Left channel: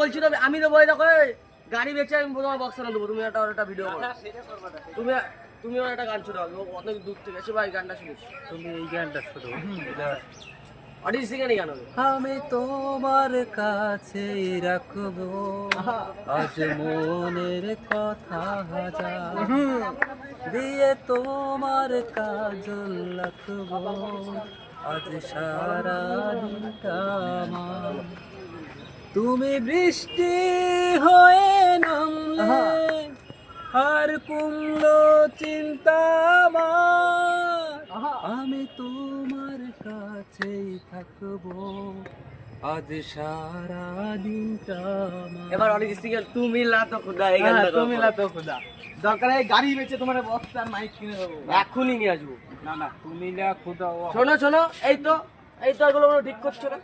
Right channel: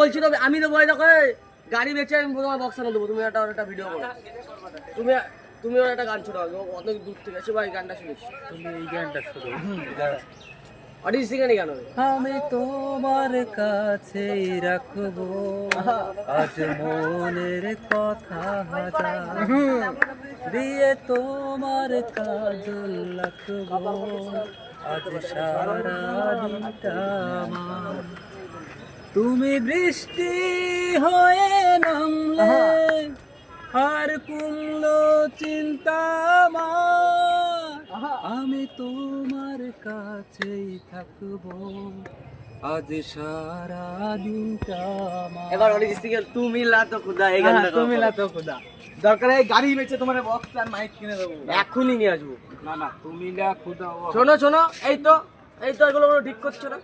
বলছি তো আমি দেবো এই দেখো গাড়ি বেচে আমি তোমার বক্স এনে দেবো, তুমি একটা ভিডিও করো, তুমি তুমিও একটা গান শোনাও, অত দূর থেকে এসে ভাই গানটা শুনিস, তুমি এই গানটা শুনো। অরিজিৎ সিং এর গান হবে। আমি তোমার কাছে রাখবো আজ মনের কথা হাজার, দিয়ে তোমার কাজল রাখবো আজ সারা দিনটা আমার। তুমি বৃষ্টি হয়ে নামলে আর কুমলো চিন্তা আমার, আমি তোমার কাছেই থাকবো আজ সারা দিনটা আমার। এবার অরিজিৎ সিং এর তুমি লা তো খুদা এই গানটা করো। তুমি তো খোদা দরকার এই গাড়ি বেচে তোমার বক্স আর মাইক কিনে দেবো। এখনই নিয়ে আসবো। না না তুমি লা খোদা শোনো শোনো, এই তো এগুলো ঠিক করছো না।